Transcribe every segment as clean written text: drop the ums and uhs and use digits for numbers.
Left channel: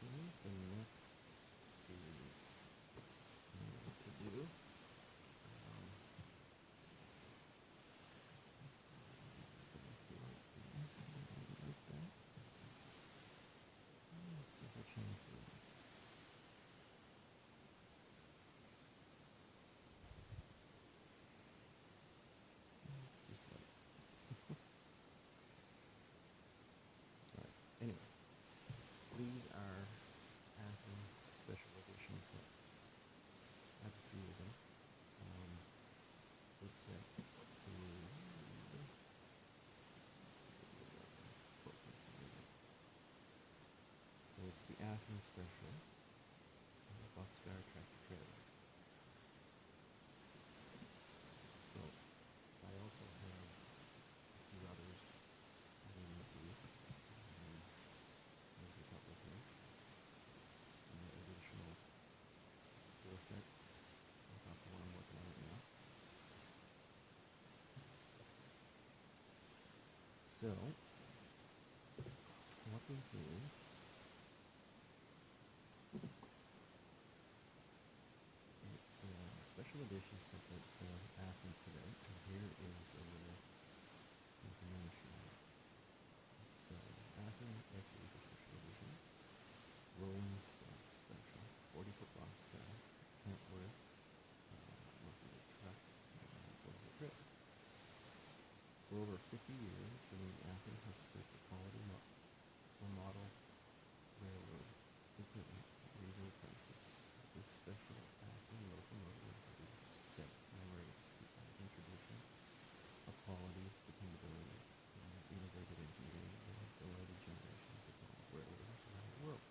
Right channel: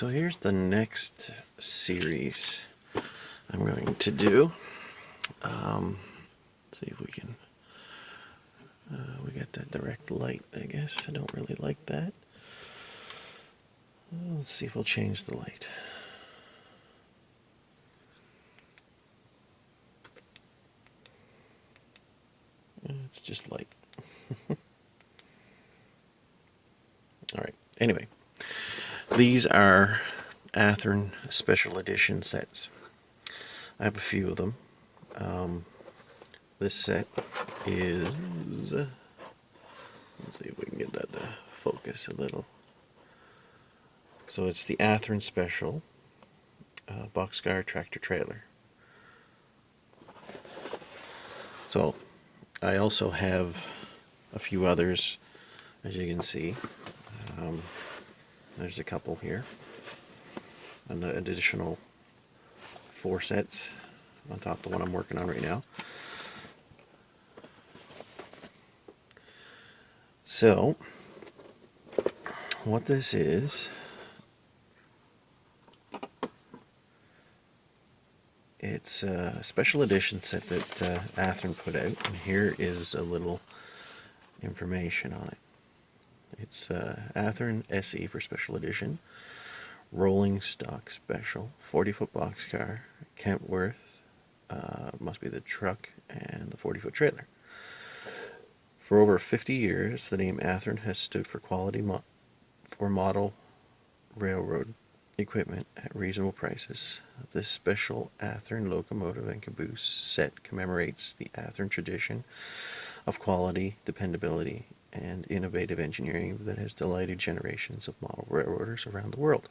So here's the next series I'm going to do. See if we can, we got that direct light, I guess. I don't really like that. Let's see if we'll change the light. It's just light. Alright, anyway. These are Athearn Special Edition sets. I have a few of them. This set is, let's see if we can get that to focus a little. So it's the Athearn Special boxcar tractor trailer. So I also have a few others, as you can see. There's a couple here. An additional 4 sets on top of the one I'm working on right now. So, what this is, it's a special edition set that Athearn put out, and here is a little information on it. It's Athearn SE for special edition, rolling stock special, 40-foot boxcar, Kentworth, must be the truck, and the 40-foot trailer. For over 50 years, the name Athearn has stood for quality for model railroad equipment at reasonable prices. This special Athearn locomotive and caboose set commemorates the Athearn tradition of quality, dependability, and innovative engineering that has delighted generations of model railroaders around the world.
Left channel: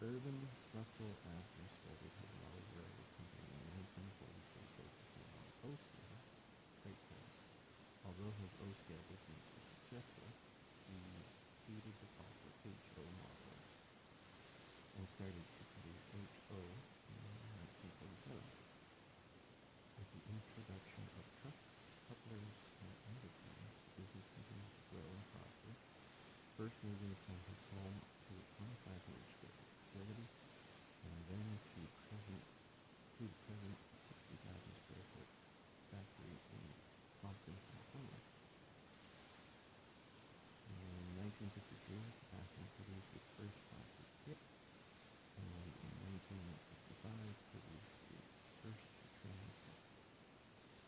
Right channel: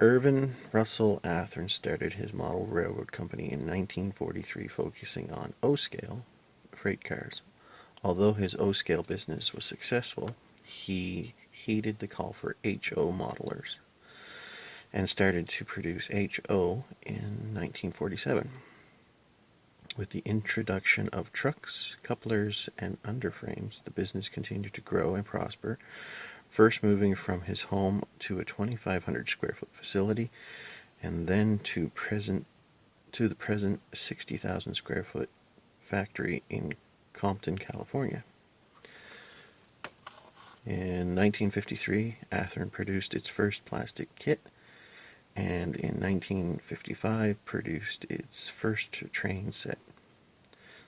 Irvin Russell Athearn started his model railroad company in 1943, focusing on O-scale freight cars. Although his O-scale business was successful, he heeded the call for HO modelers and started to produce HO in 1947. With the introduction of trucks, couplers, and underframes, the business continued to grow and prosper, first moving from his home to a 2,500 square foot facility, and then to the present 60,000 square foot factory in Compton, California. In 1953, Athearn produced its first plastic kit, and in 1955 produced its first train set.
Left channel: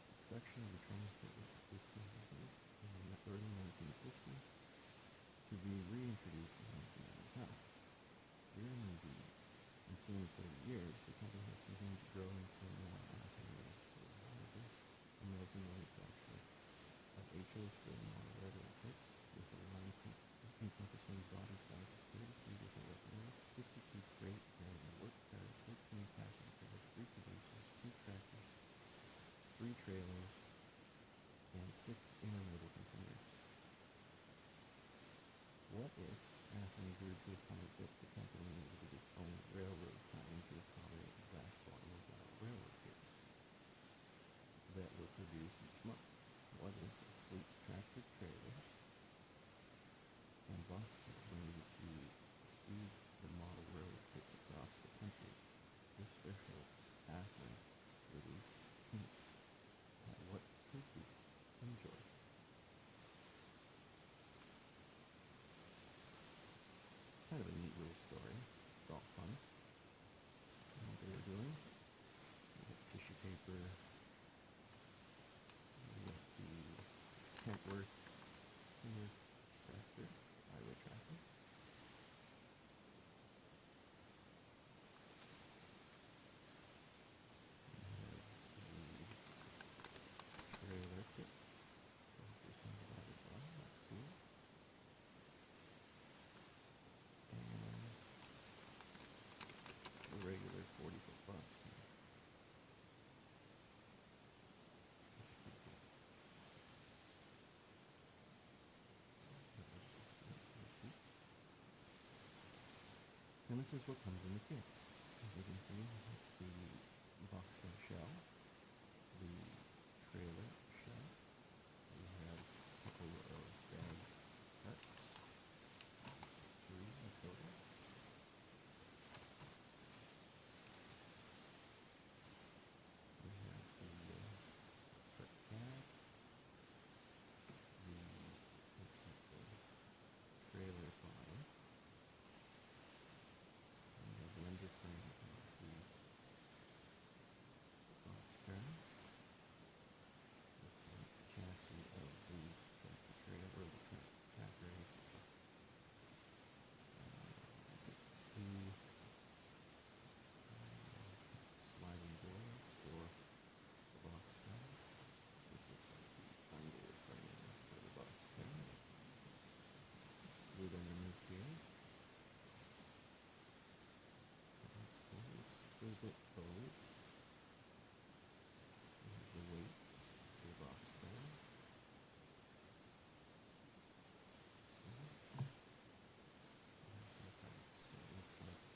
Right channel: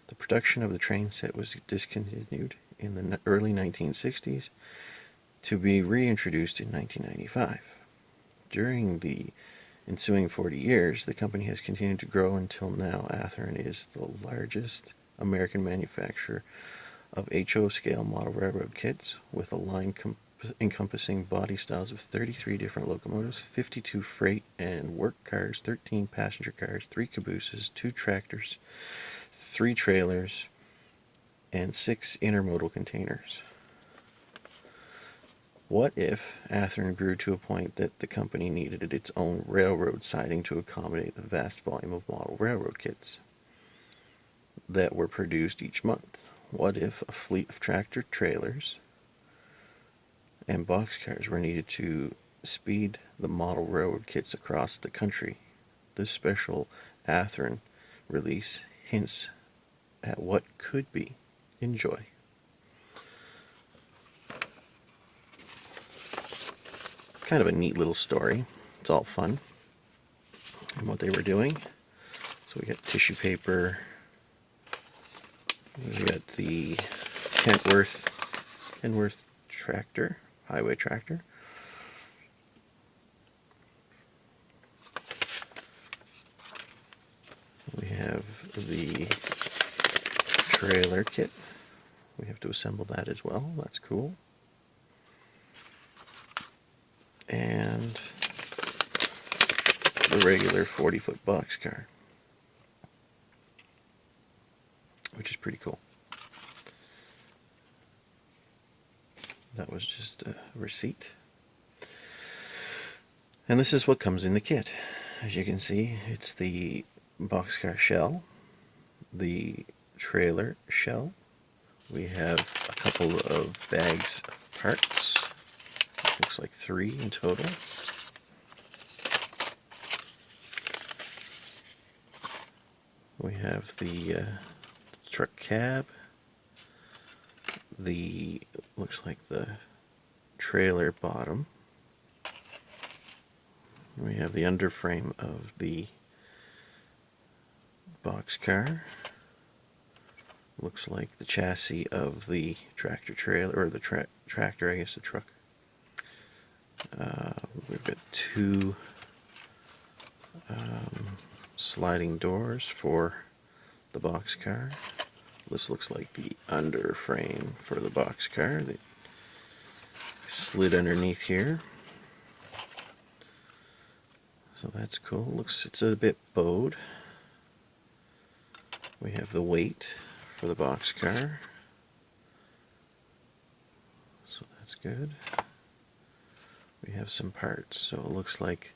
The production of the train set was discontinued in the early 1960s to be reintroduced in 1995. During the ensuing 40 years, the company has continued to grow until now. Athearn is the largest American manufacturer of HO scale model railroad kits, with a line encompassing body styles of 33 different locomotives, 52 freight and work cars, 13 passenger cars, 3 cabooses, 2 tractors, 3 trailers, and 6 intermodal containers. What if Athearn grew to a point that the company needed its own railroad siding to accommodate the vast volume of model railroad kits that were produced each month? What if a fleet of tractor trailers and boxcars were needed to speed the model railroad kits across the country? This special Athearn release hints at what could be. Enjoy. Kind of a neat little story. It's all fun and what they were doing. So we got tissue paper. We got the Kentworth tractor, highway tractor. We have the trailer kit. We have to assemble that as well. That's cool. And the regular 40-foot boxcar, which is pretty cool. That was just a receipt. And this is what comes in the kit. As you can see, it's the boxcar shell, the trailer shell. We have a couple of bags of parts. Looks like 3 in total. We have the truck cab, looks like the trailer bottom. We have the underframe of the boxcar. Looks like the chassis of the tractor trailer, or the tractor, I guess the truck. We've got 2 sliding doors for the boxcar. This looks like the underframe for the boxcar that slid underneath here. So that's cool. It's a bit bowed. We have the weight for the boxcar. So that's good. We have some parts. So it looks like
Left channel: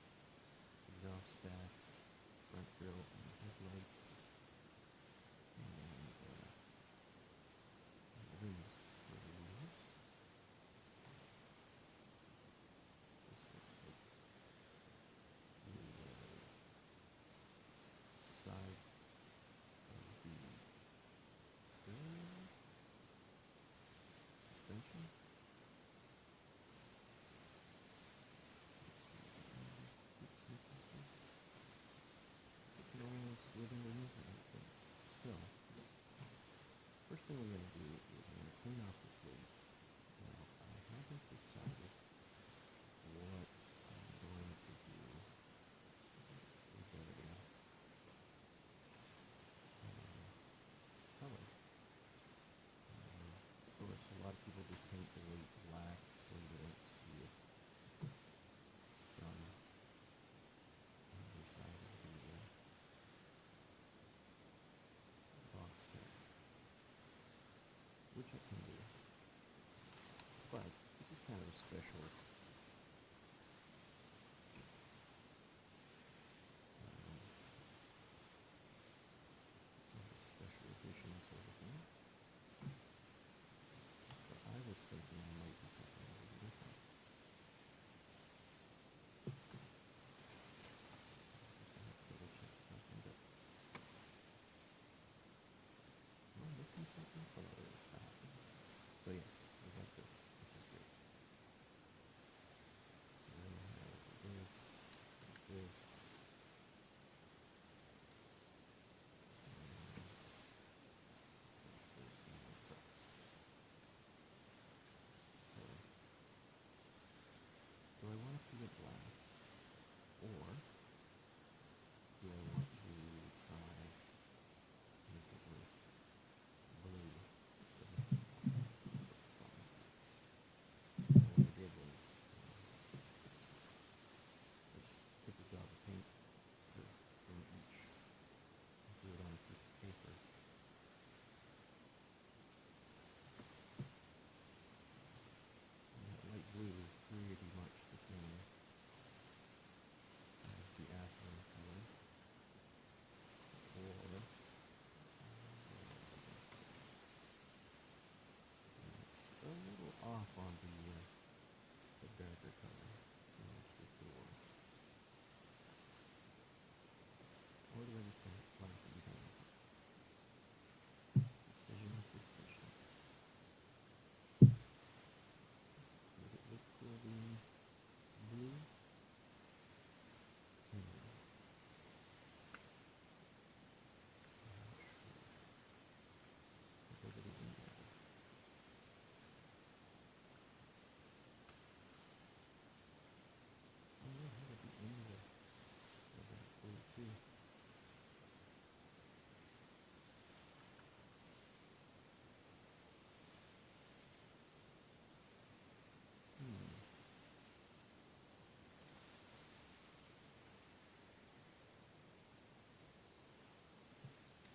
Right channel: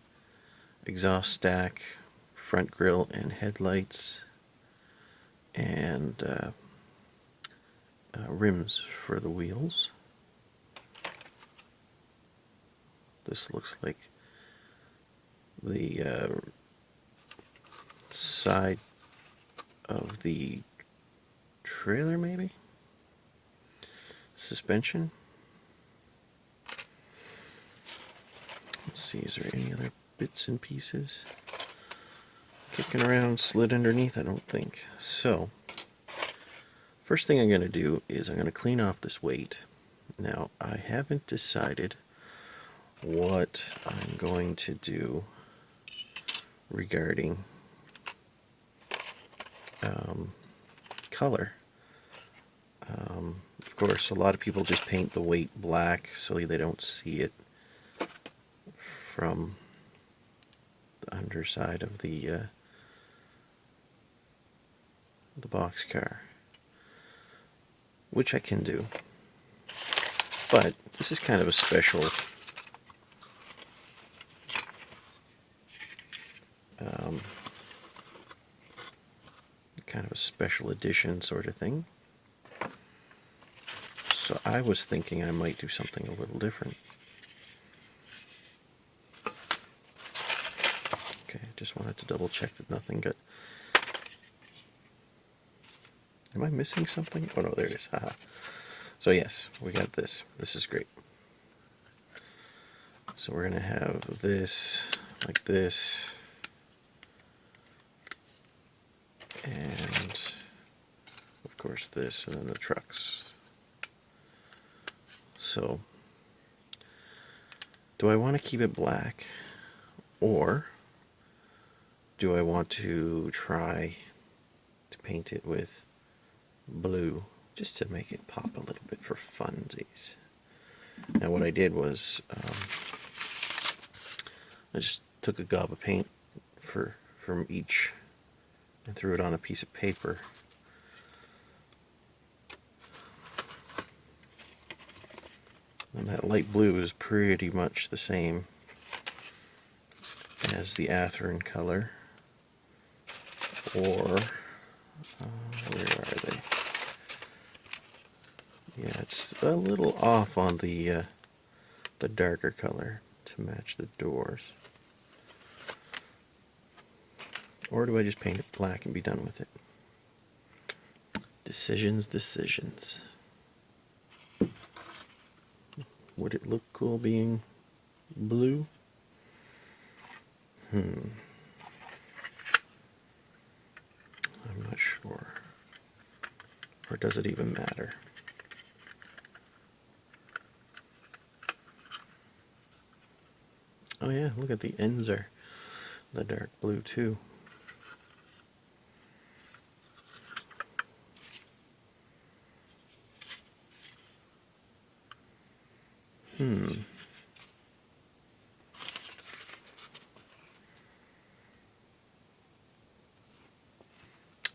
exhaust stack, front grille and headlights, and rims for the wheels. This looks like the side of the trailer, maybe? Suspension. Let's see, is there any other bits and pieces kicking around, slid underneath? I don't think. So, first thing I'm going to do is I'm going to clean off this weight. Now, I haven't decided what I'm going to do regarding color. Of course, a lot of people just paint the weight black so they don't see it from the underside of the boxcar, which I can do. But this is kind of a special edition sort of thing. So I was thinking I might do something a little different. Okay, just wanted to double check that nothing got... Am I missing something? Oh no, there it is. Haha. So yes, we got this. This is great. So we're going to have this like this, and of course this, and then the trucks. So do I want to keep it black, or do I want to try to paint it with blue just to make it pop a little bit for funsies? Now what I did was I just took a gob of paint from each and threw it on a piece of paper. And that light blue is pretty much the same as the Athearn color. Or, where are they? Yeah, it's a little off on the darker color to match the doors. Or do I just paint it black and be done with it? Decisions. Would it look cool being blue? I'm not sure. Or does it even matter? Oh yeah, look at the ends are the dark blue too.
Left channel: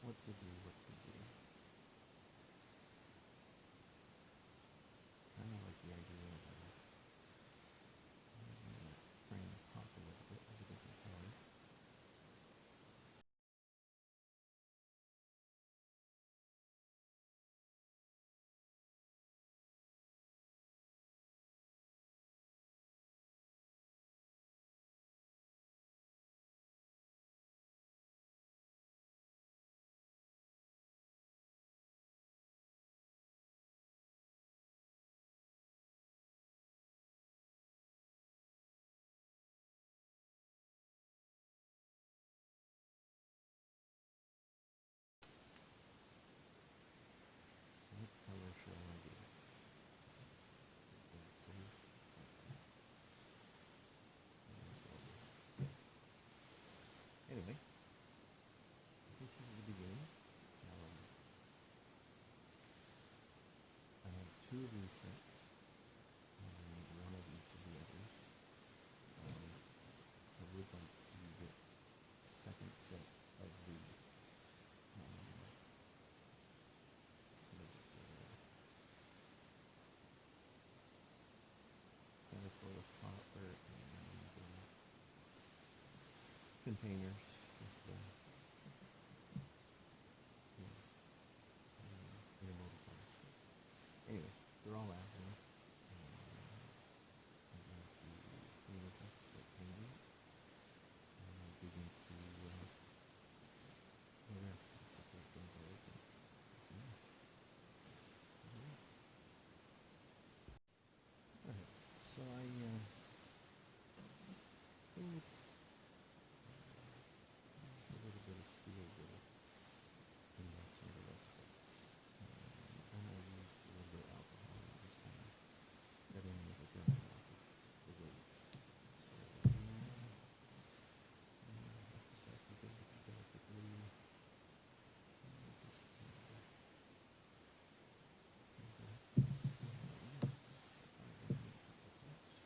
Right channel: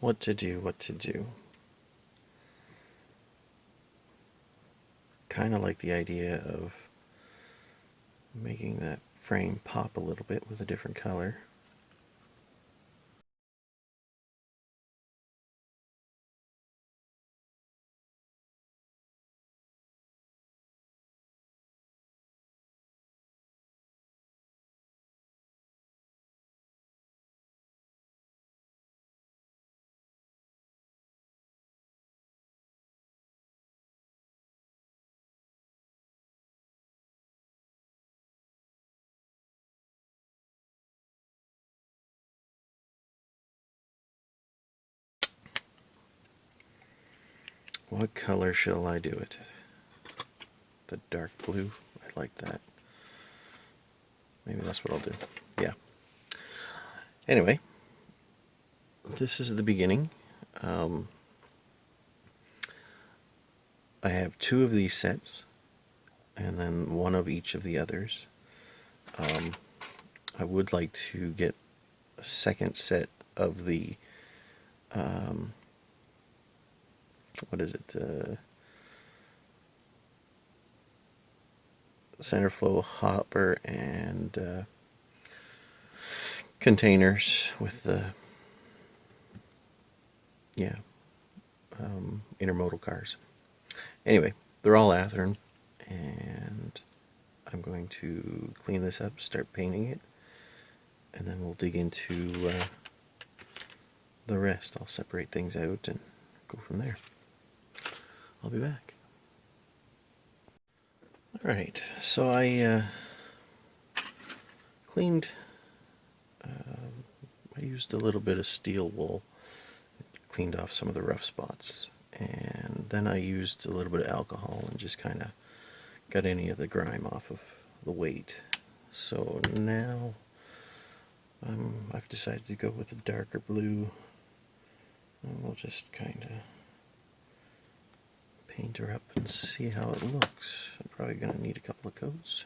What to do? Kind of like the idea of making that frame pop a little bit with a different color. What color shall I do it? The dark blue. I like that. Maybe that's what I'll do. Yeah. Anyway, this is the beginning. I have 2 of these sets, and then 1 of each of the others. I would like to get a second set of the, what is it, center flow hopper and containers with the, yeah, intermodal cars. Anyway, they're all Athearn, and I'm going to clean this up, start painting it, and then we'll dig into the rest. I'll separate things out and go from there. I'll be back. Alright, so I cleaned, I used a little bit of steel wool, cleaned off some of the rough spots, and then I used a little bit of alcohol and just kind of got any of the grime off of the weight. So now I've decided to go with a darker blue, and we'll just kind of paint her up and see how it looks. I'm probably going to need a couple of coats.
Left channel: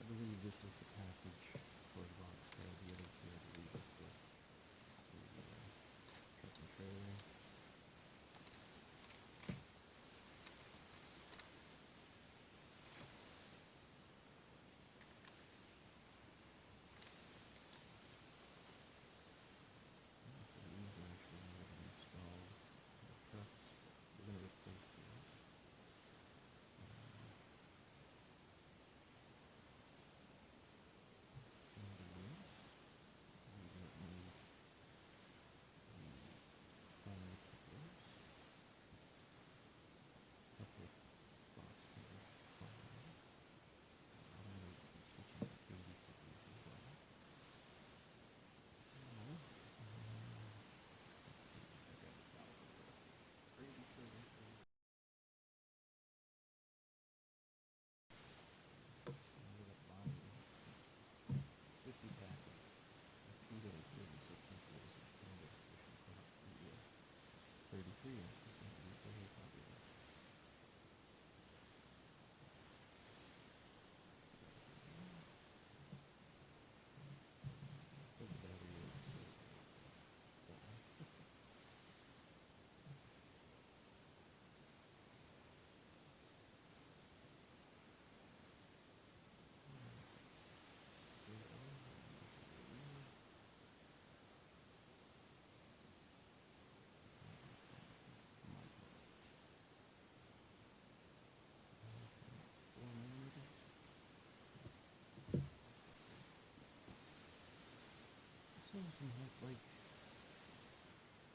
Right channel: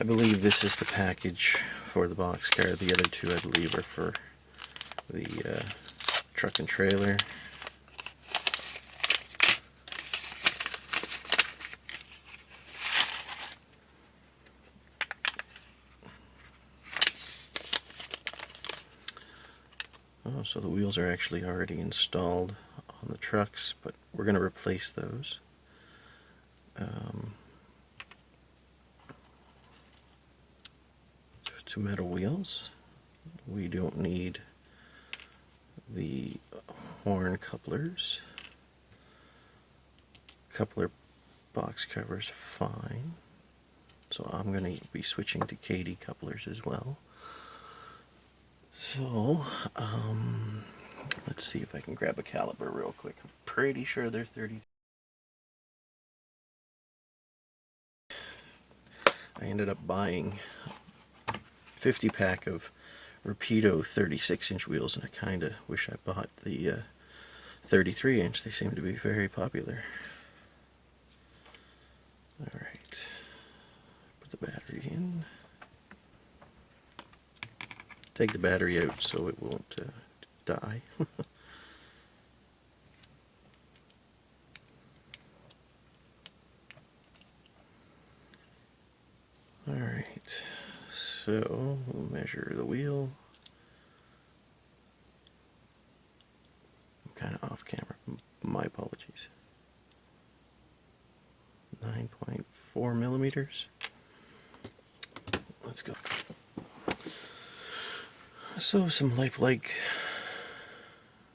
I believe this is the package for the boxcar. The other 2 I believe are for the truck and trailer. Oh, so the wheels are actually already installed on the trucks, but we're going to replace those. Two metal wheels. We don't need the horn couplers. Coupler box covers fine. So I'm going to be switching to KD couplers as well. So, let's see if I can grab a caliper real quick. I'm pretty sure they're 30. I ended up buying 50 pack of Rapido 36-inch wheels, and I kind of wish I bought the 33-inch. They seem to be very popular. Alright, put the battery in. Take the battery out so it won't die. Alright, so we'll measure the wheel. I'm kind of off camera. My apologies. 9.4 millimeters. Let's go. So some lifelike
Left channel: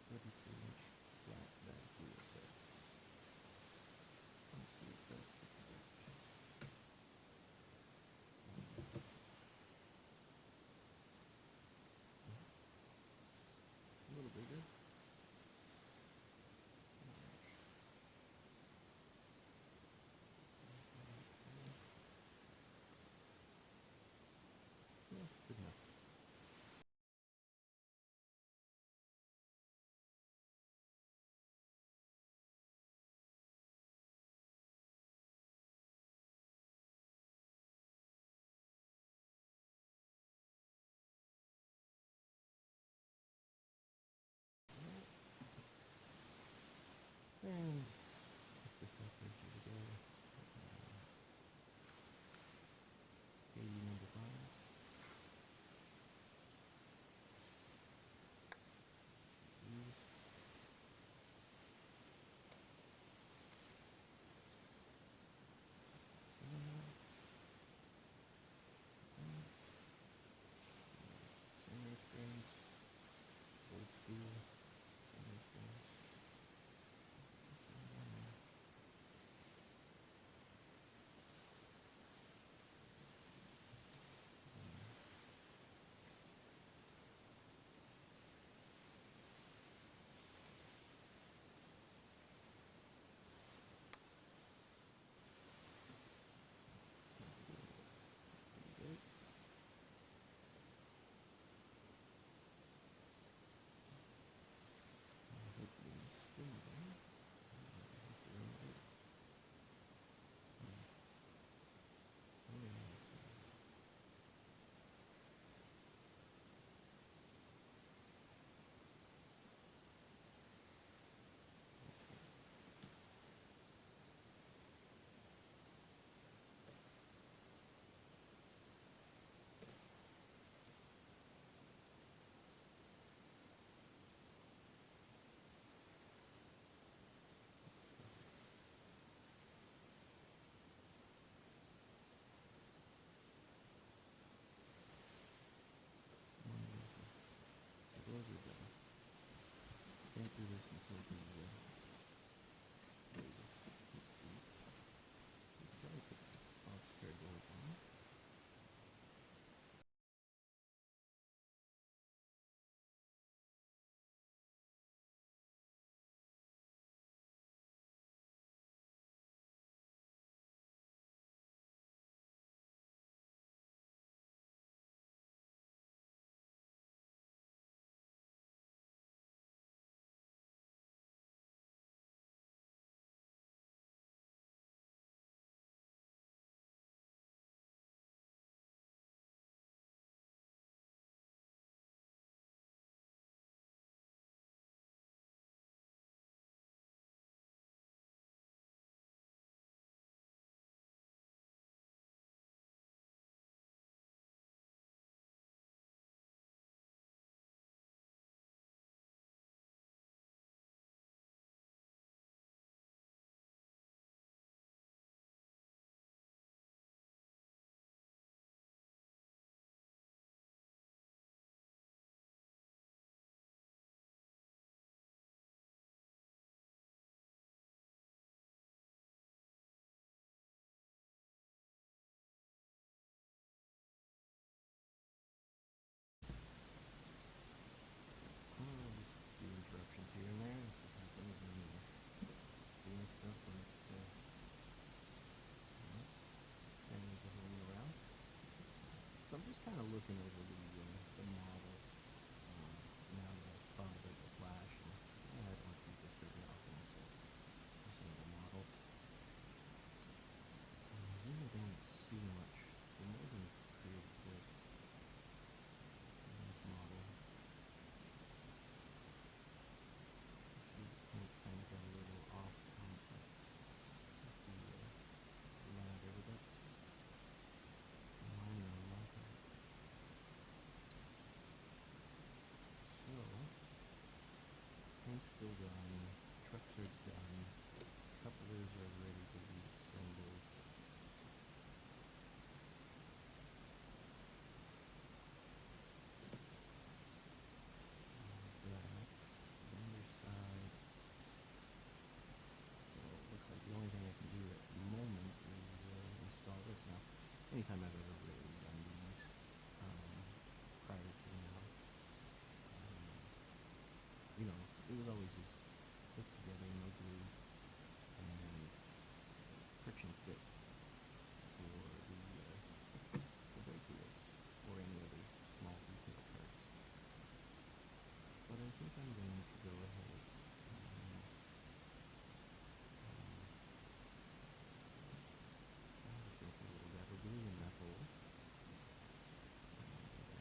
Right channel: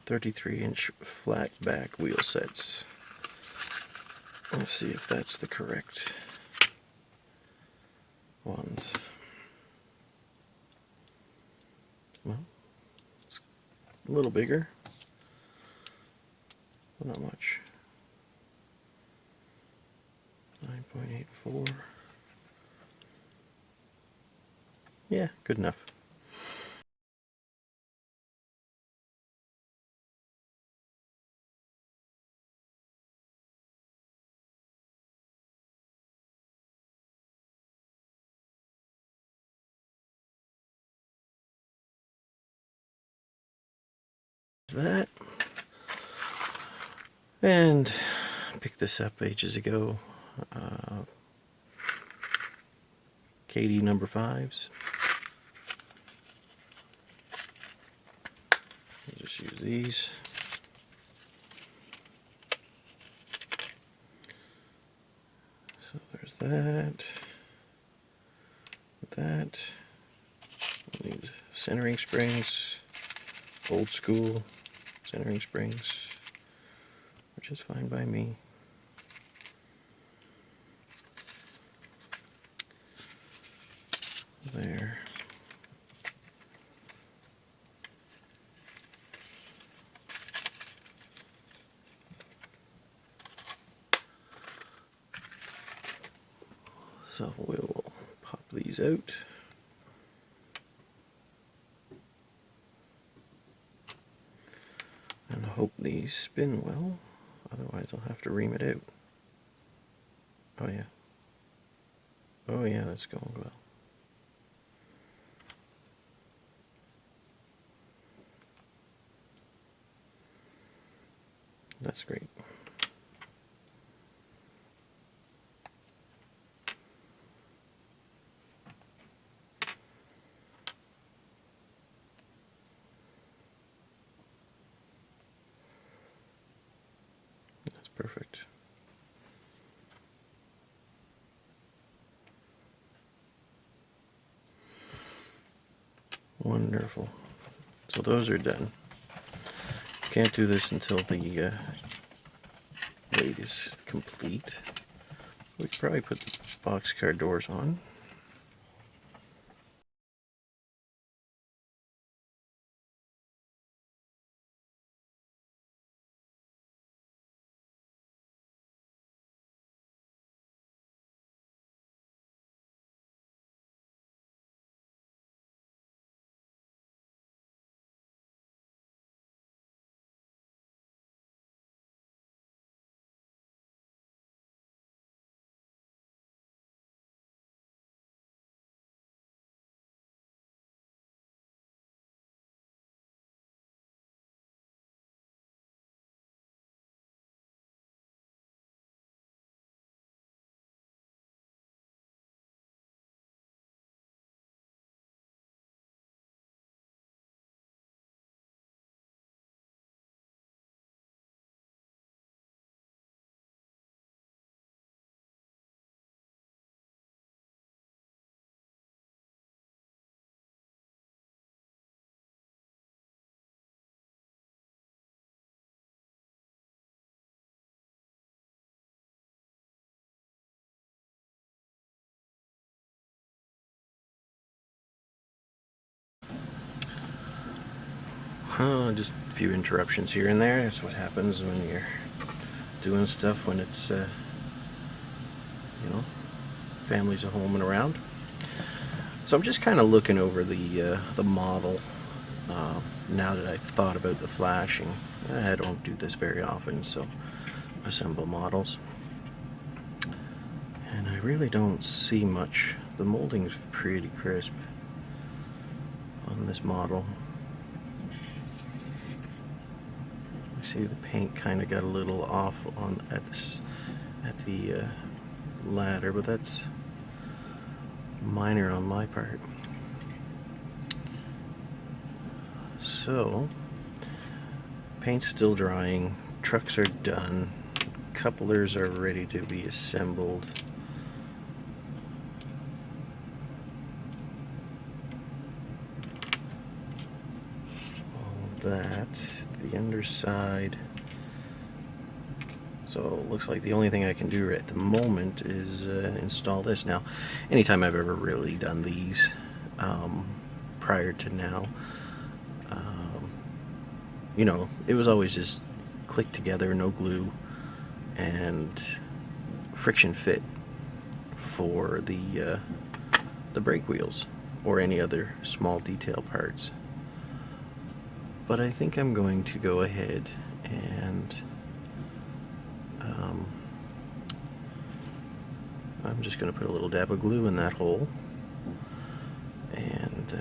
33-inch flat back wheel sets. Let's see if that's the correct ones. Well, it's a little bigger, but not much. 9.84. Yeah, good enough. that. And picked this up ages ago. KD number 5s. I'll just use these. So there's that. That. We'll need centering springs. Old school centering springs, which is fine by me. There. So we will pop these out. And hope these spin well, otherwise I'll have to ream it out. Oh yeah. Oh yeah, that's going well. That's great. That's perfect. Wonderful. So those are done. Can't do this until the weight is complete. We could probably put the boxcar doors on. Just a few interruptions here and there. That's what happens when you're doing stuff when it's, you know, families at home and around. So I'm just kind of looking over the model now that I've thought about the flashing. I don't do this very often, so assemble models. And I really don't see much. The molding's pretty crisp on this model. See the paint kind of got a little off on at the ladder, but that's minor on my part. So paint's still drying, trucks are done, couplers are ready to be assembled. All that, the underside. So it looks like the only thing I can do at the moment is install this. Now, anytime I've ever really done these prior to now, you know, it was always just click together, no glue, and friction fit for the brake wheels or any other small detail parts. But I think I'm going to go ahead and I'm just going to put a little dab of glue in that hole, and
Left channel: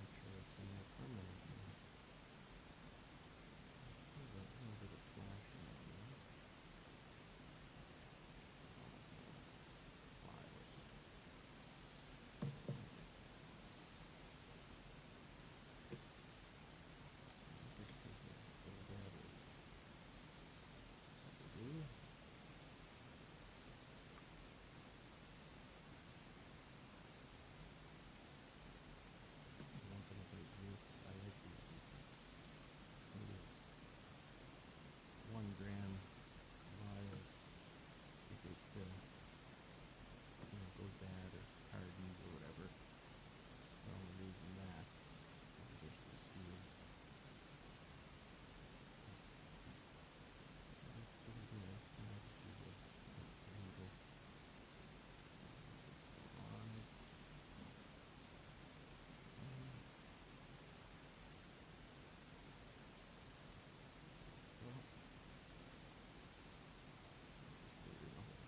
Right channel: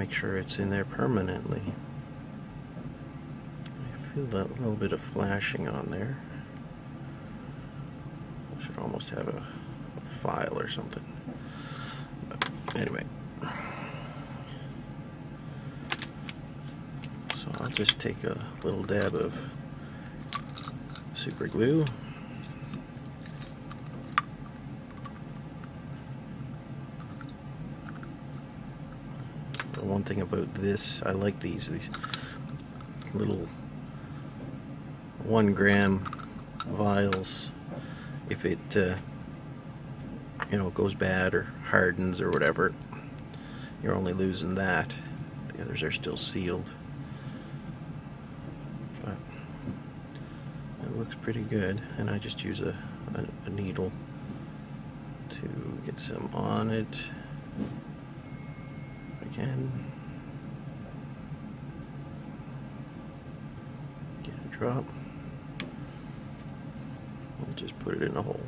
make sure it's in there permanently. I feel that little bit of flashing on there. I should almost have a file or something. But anyway. So I'll just take a little dab of super glue. The one thing about this, I like these little 1 gram vials. If it you know, goes bad or hardens or whatever, you're only losing that. The others are still sealed. But it looks pretty good, and I just use a needle to get some on it if I can. Get a drop. And just put it in a hole.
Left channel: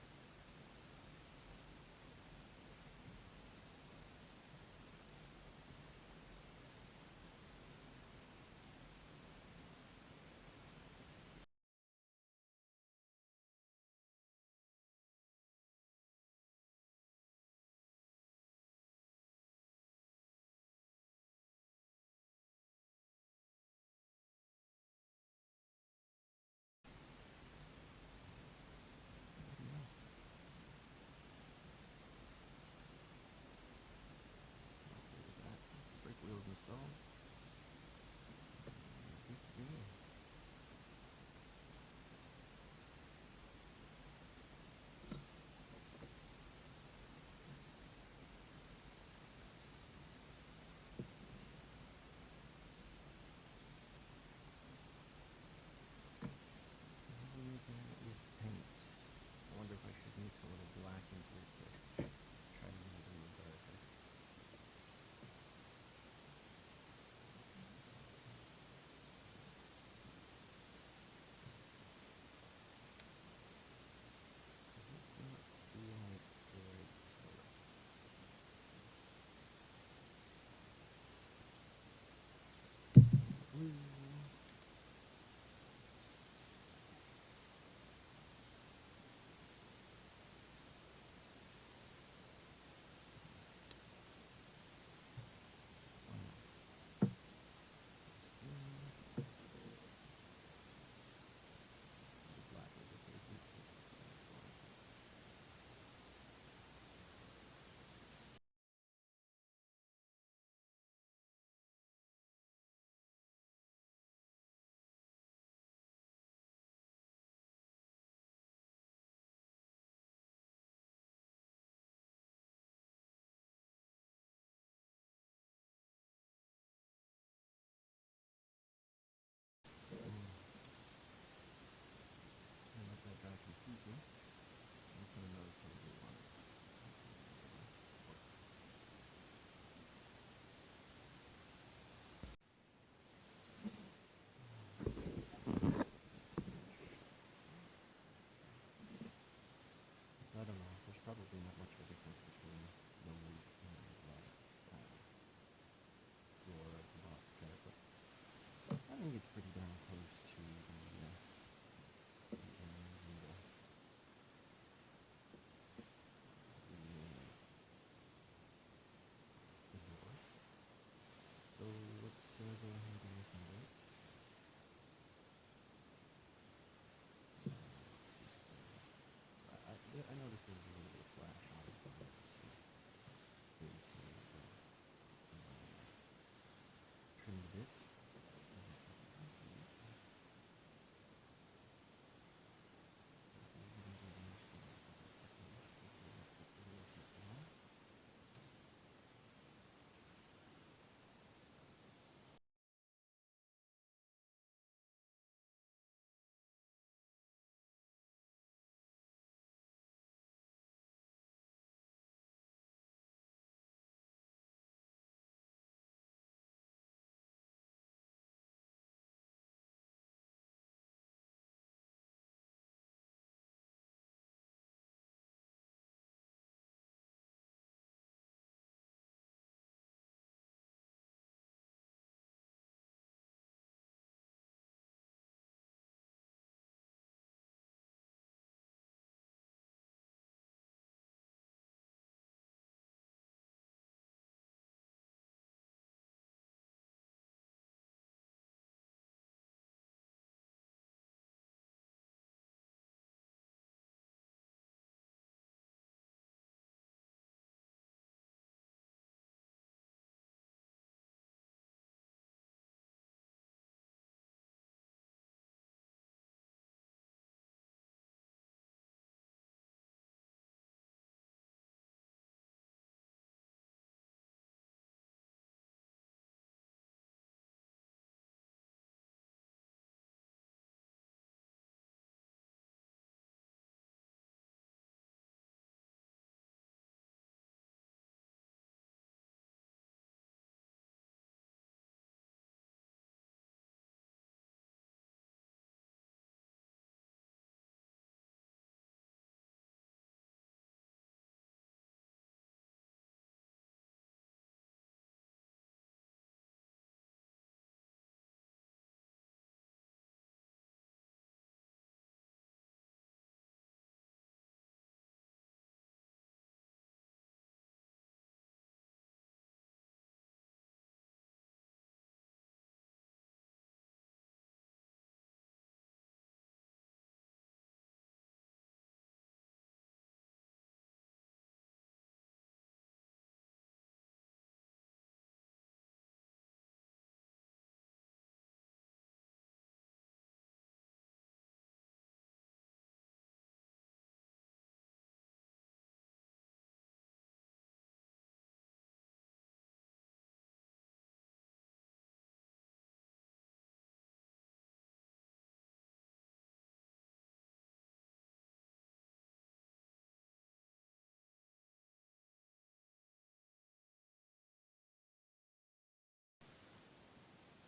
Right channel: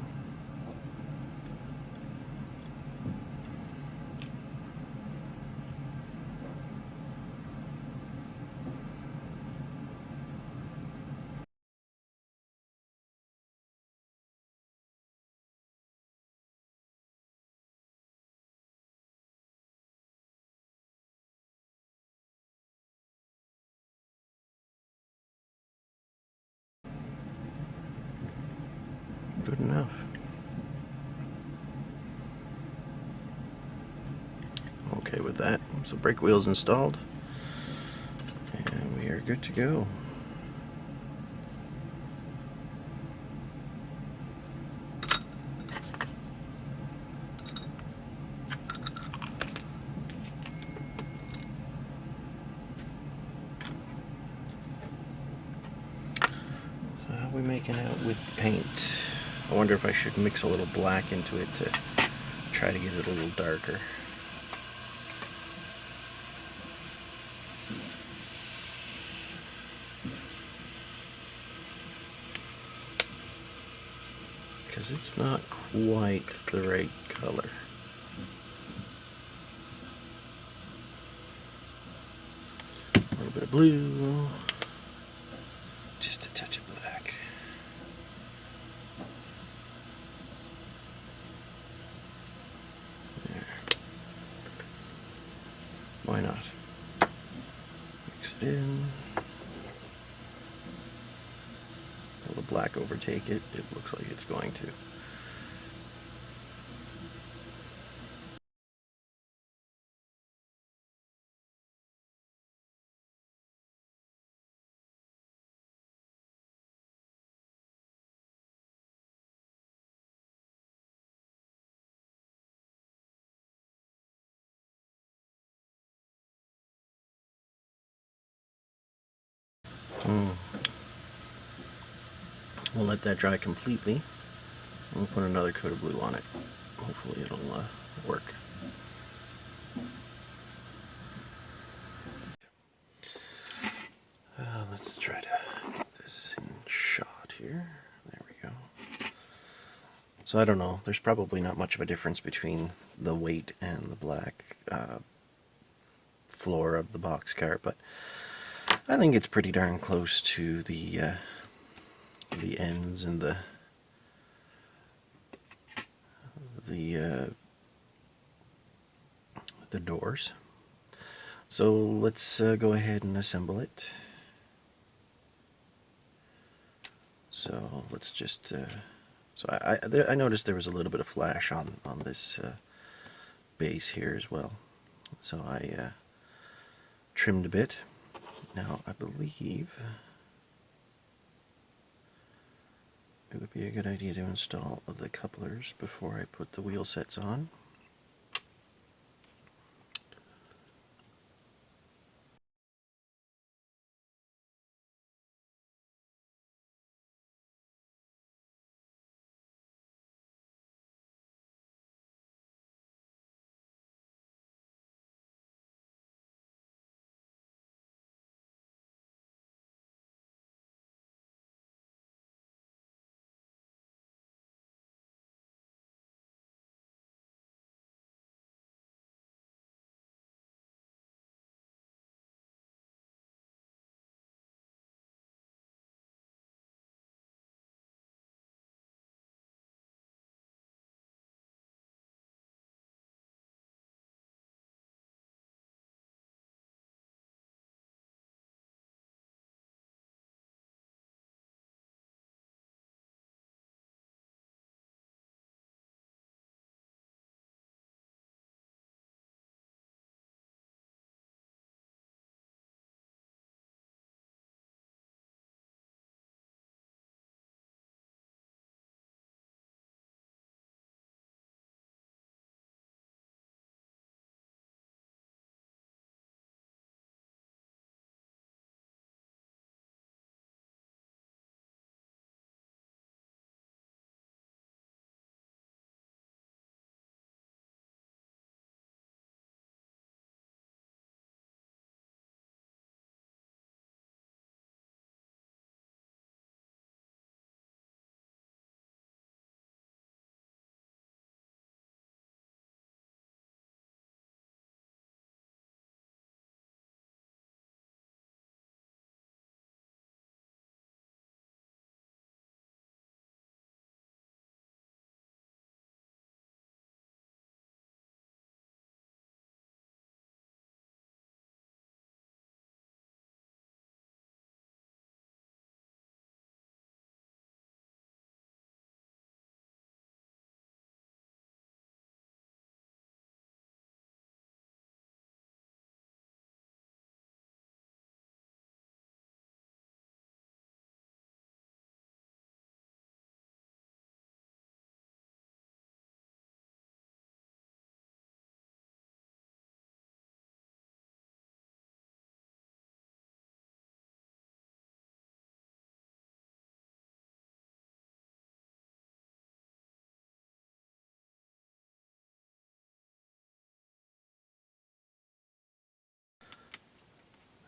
Good enough. Okay with that. So brake wheel's installed, and we are good to go. So how are we making out with paint? I wonder if I should mix a little black into it to try to get it a little darker. Because it's not quite the right color. A little bit of blue, just a touch of black. There. Why not? Mix it in. Will the black overtake it? It looks like it's going to. We'll let that dry completely. We'll put another coat of blue on it. Hopefully it'll work. Let's try to get this in shot here. There we go. So I don't know. There's probably not much of a difference between the white and the black floor of the boxcar, but I think it's pretty darn close to the ends and the doors. So let's go ahead and assemble it. So let's just so I noticed there was a little bit of flash on this base here as well, so I trimmed a bit. Now I believe it would be a good idea to install the couplers before I put the wheel sets on.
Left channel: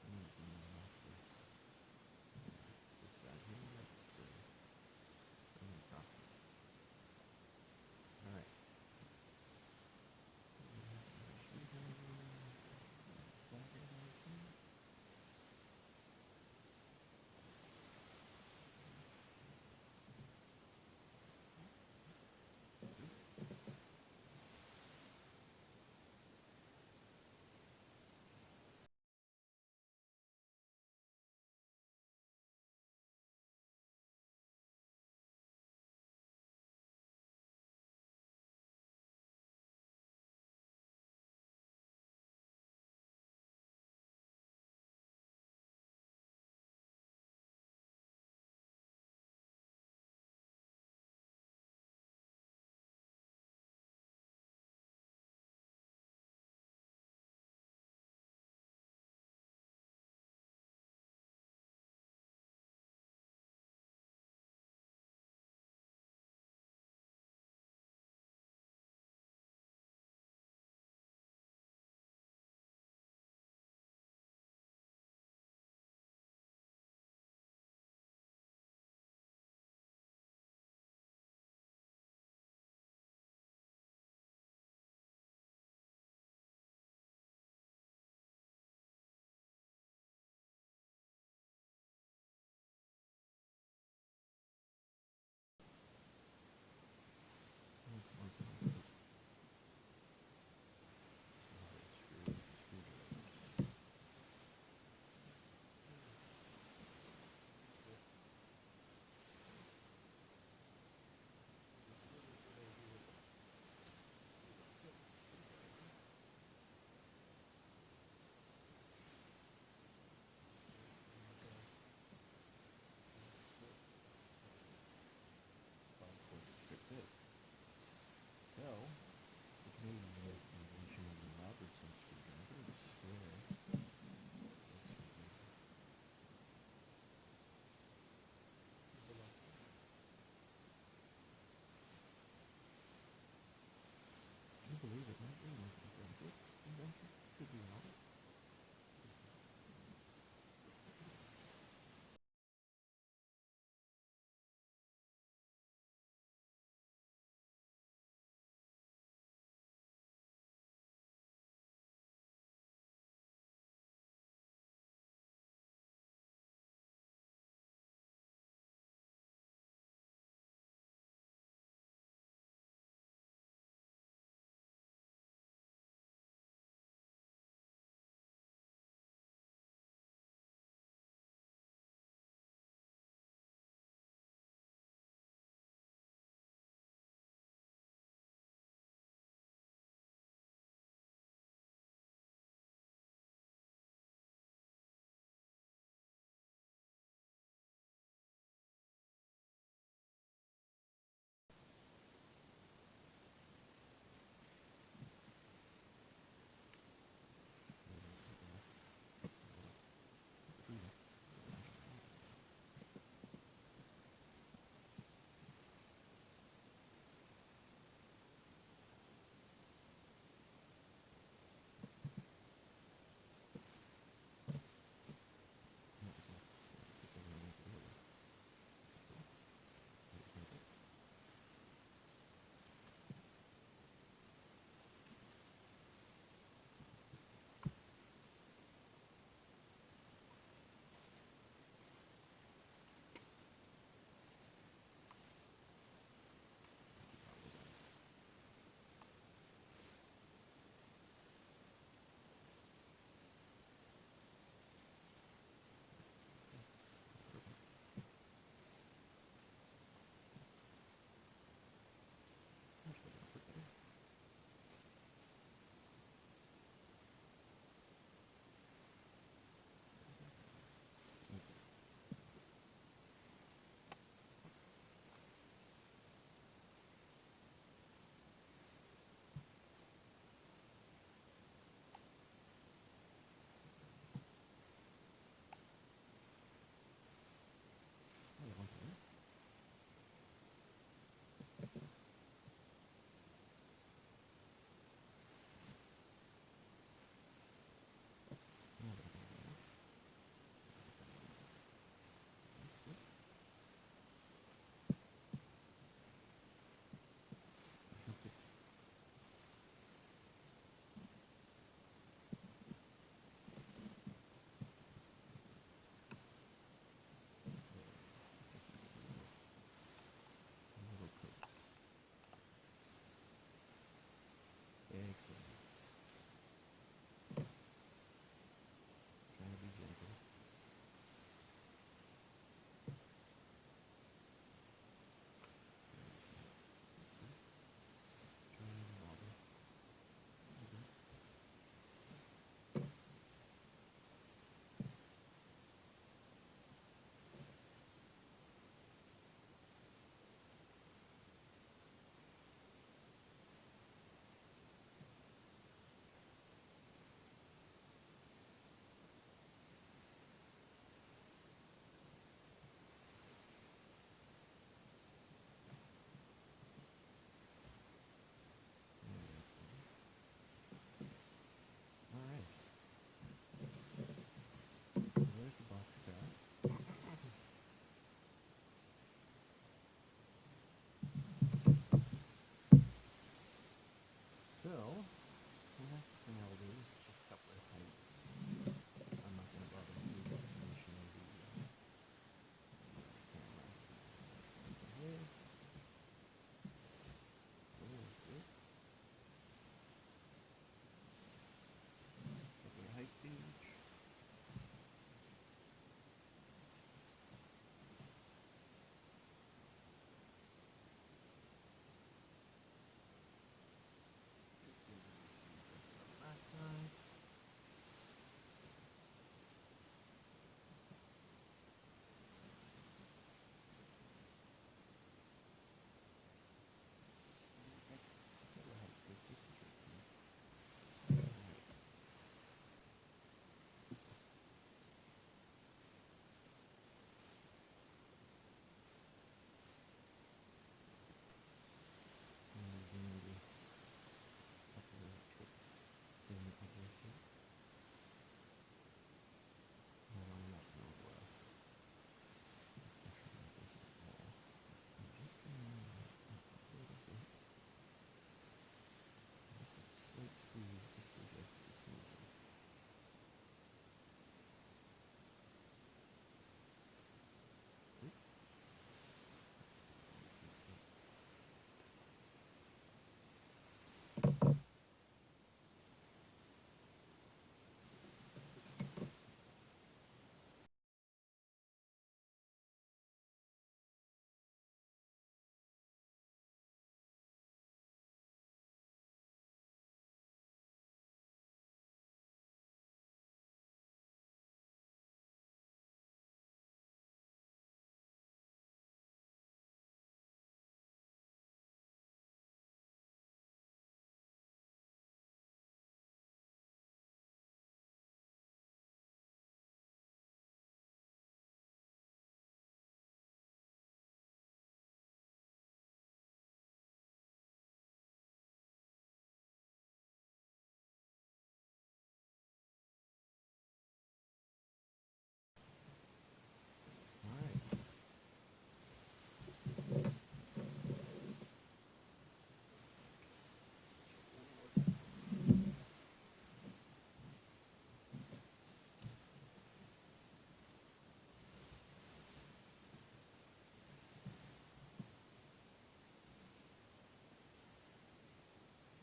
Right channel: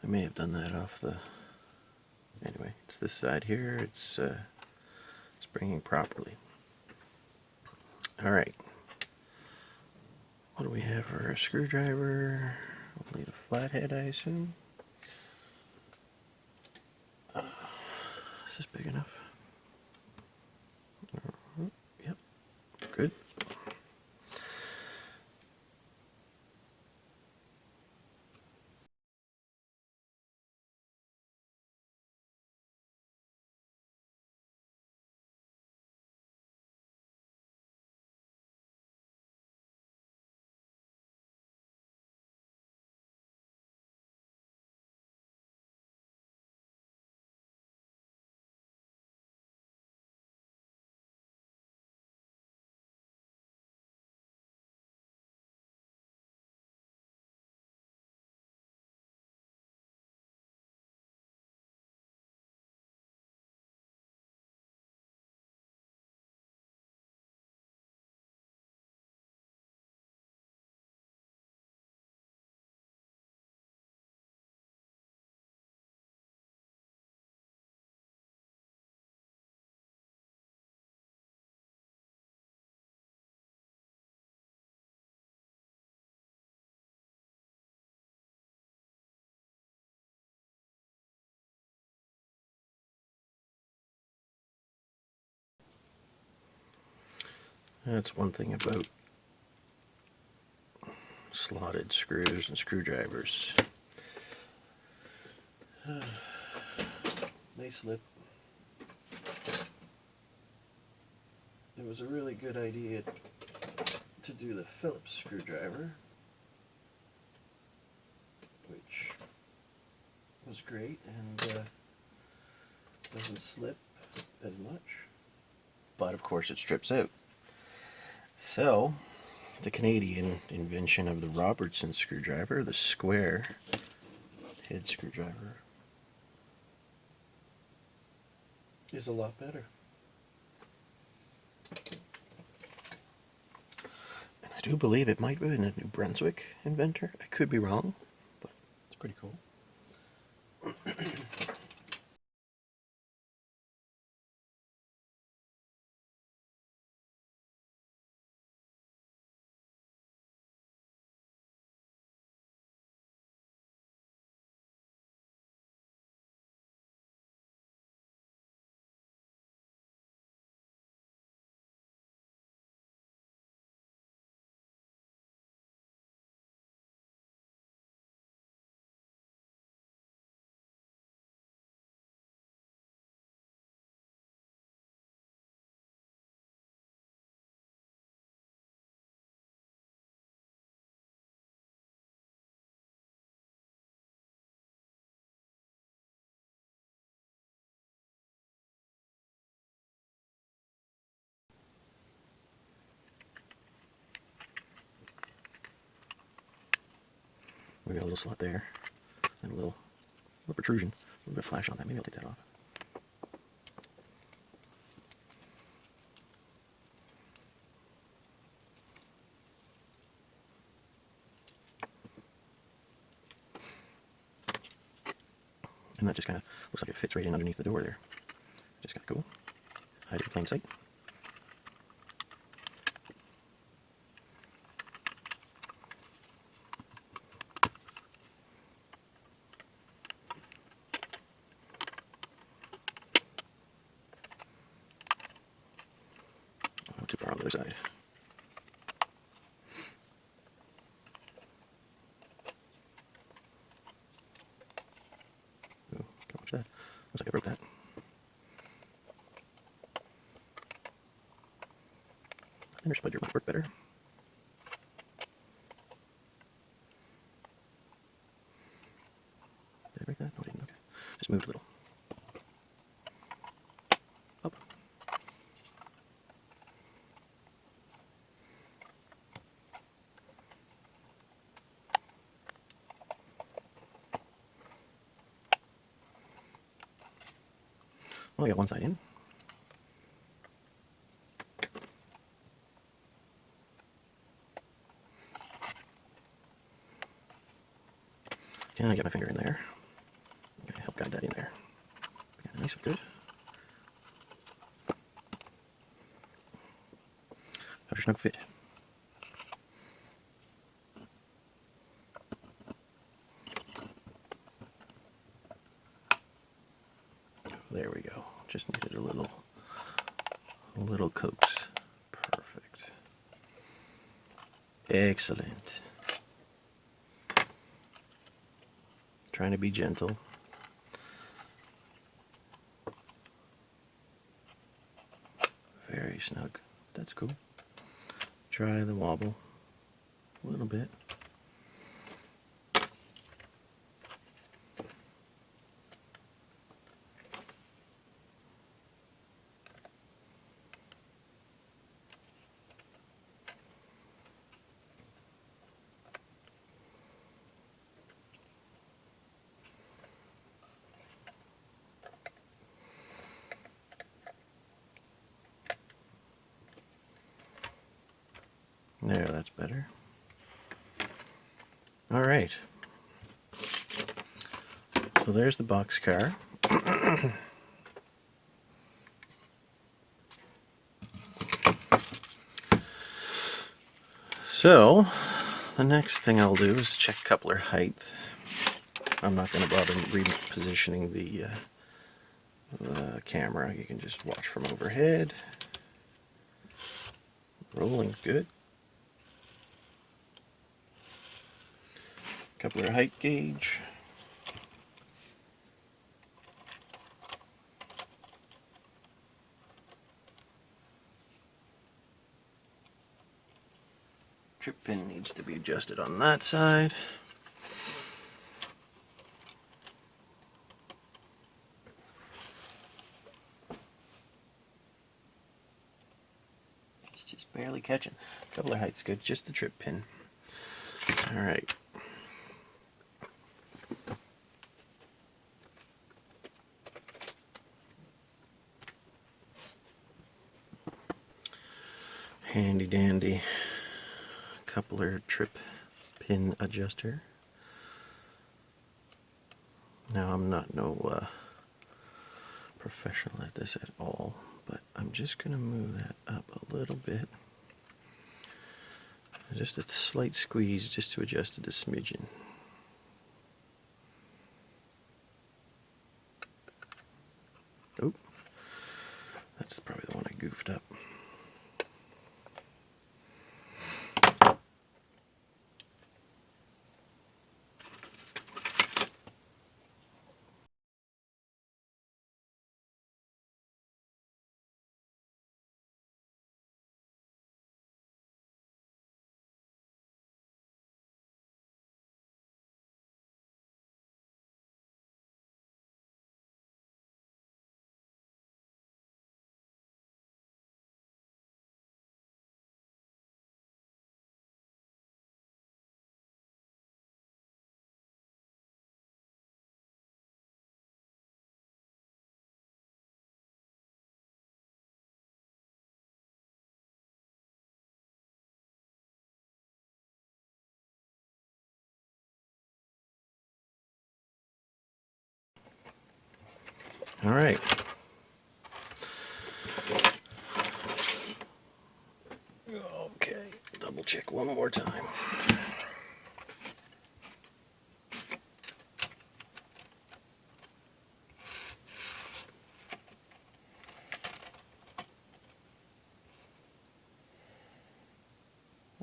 I may have done that off the... Anyway, it's this side here. It's springing properly. Alright. What do we have for a screwdriver? Only the flathead, I assume. Is this big enough? Yep. Good. That's one thing about slotted screws and screwdrivers. They slip. It was a really good idea to do the Phillips screwdriver, which was great and doesn't slip as much. But of course it strips out. So, the Canadian invention of the Robertson screwdriver, the square head screwdriver, is a lot better. And I do believe it might have been a New Brunswick inventor. I could be wrong, but it's pretty cool. We got a little slot there, and a little protrusion, a little bit of flash on that. Maybe I'll take that off. And that just kind of looks like it fits right in underneath the door there. Just kind of cool. Hide it in plain sight. Not too far on the other side. Oh, don't watch that. Looks like I broke that. Thinner splidger might work better. Did I break that? No, I didn't. Okay. Just moved a little. Up. Well, I got one side in. Can I get my finger in there? got that in there. Yeah, nice and good. Have a snug fit. There we go. Just needed a little coax. Perfect. Excellent. Trying to be gentle. Very snug. That's cool. Try the wobble a little bit. There, that's better. All right. So there's the boxcar. So the next thing I'll do is check coupler height. I'm not going to bother repositioning the camera. You can just watch from overhead. Rolling good. Coupler height gauge. Trip pin needs to be adjusted on that side. It's just barely catching. Coupler height's good, just the trip pin. All right. Handy dandy coupler trip pin adjuster. Now I'm not no professional at this at all, but I'm just going to move that up a little bit. Just a slight squeeze just to adjust it a smidgen. Oh, that's probably the one I goofed up. All right. Okay, double check one more time.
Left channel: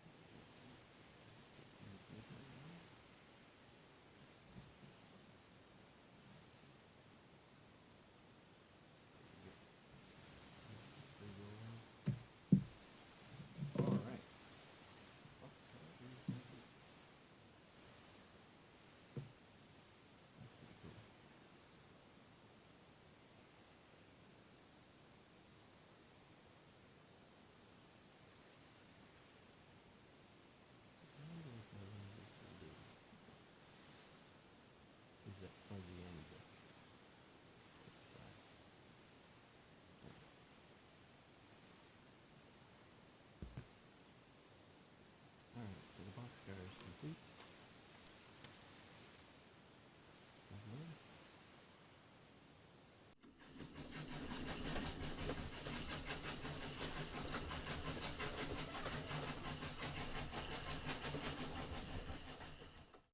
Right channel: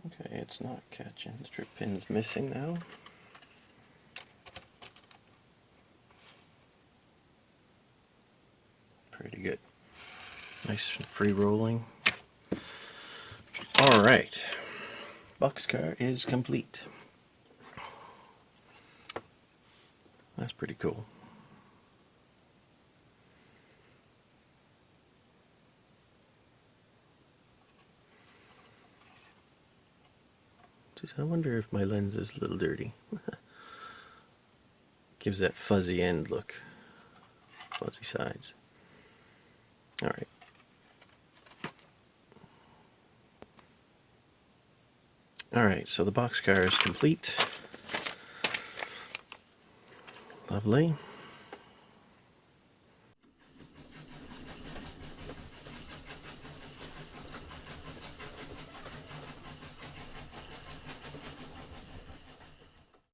Okay, it's not catching. The strip pin's missing now. Pretty good. Nice free rolling. All right, boxcar is complete. That's pretty cool. Just, I wonder if my lens is a little dirty. Gives that fuzzy end look, fuzzy sides. All right. All right, so the boxcar is complete. Lovely.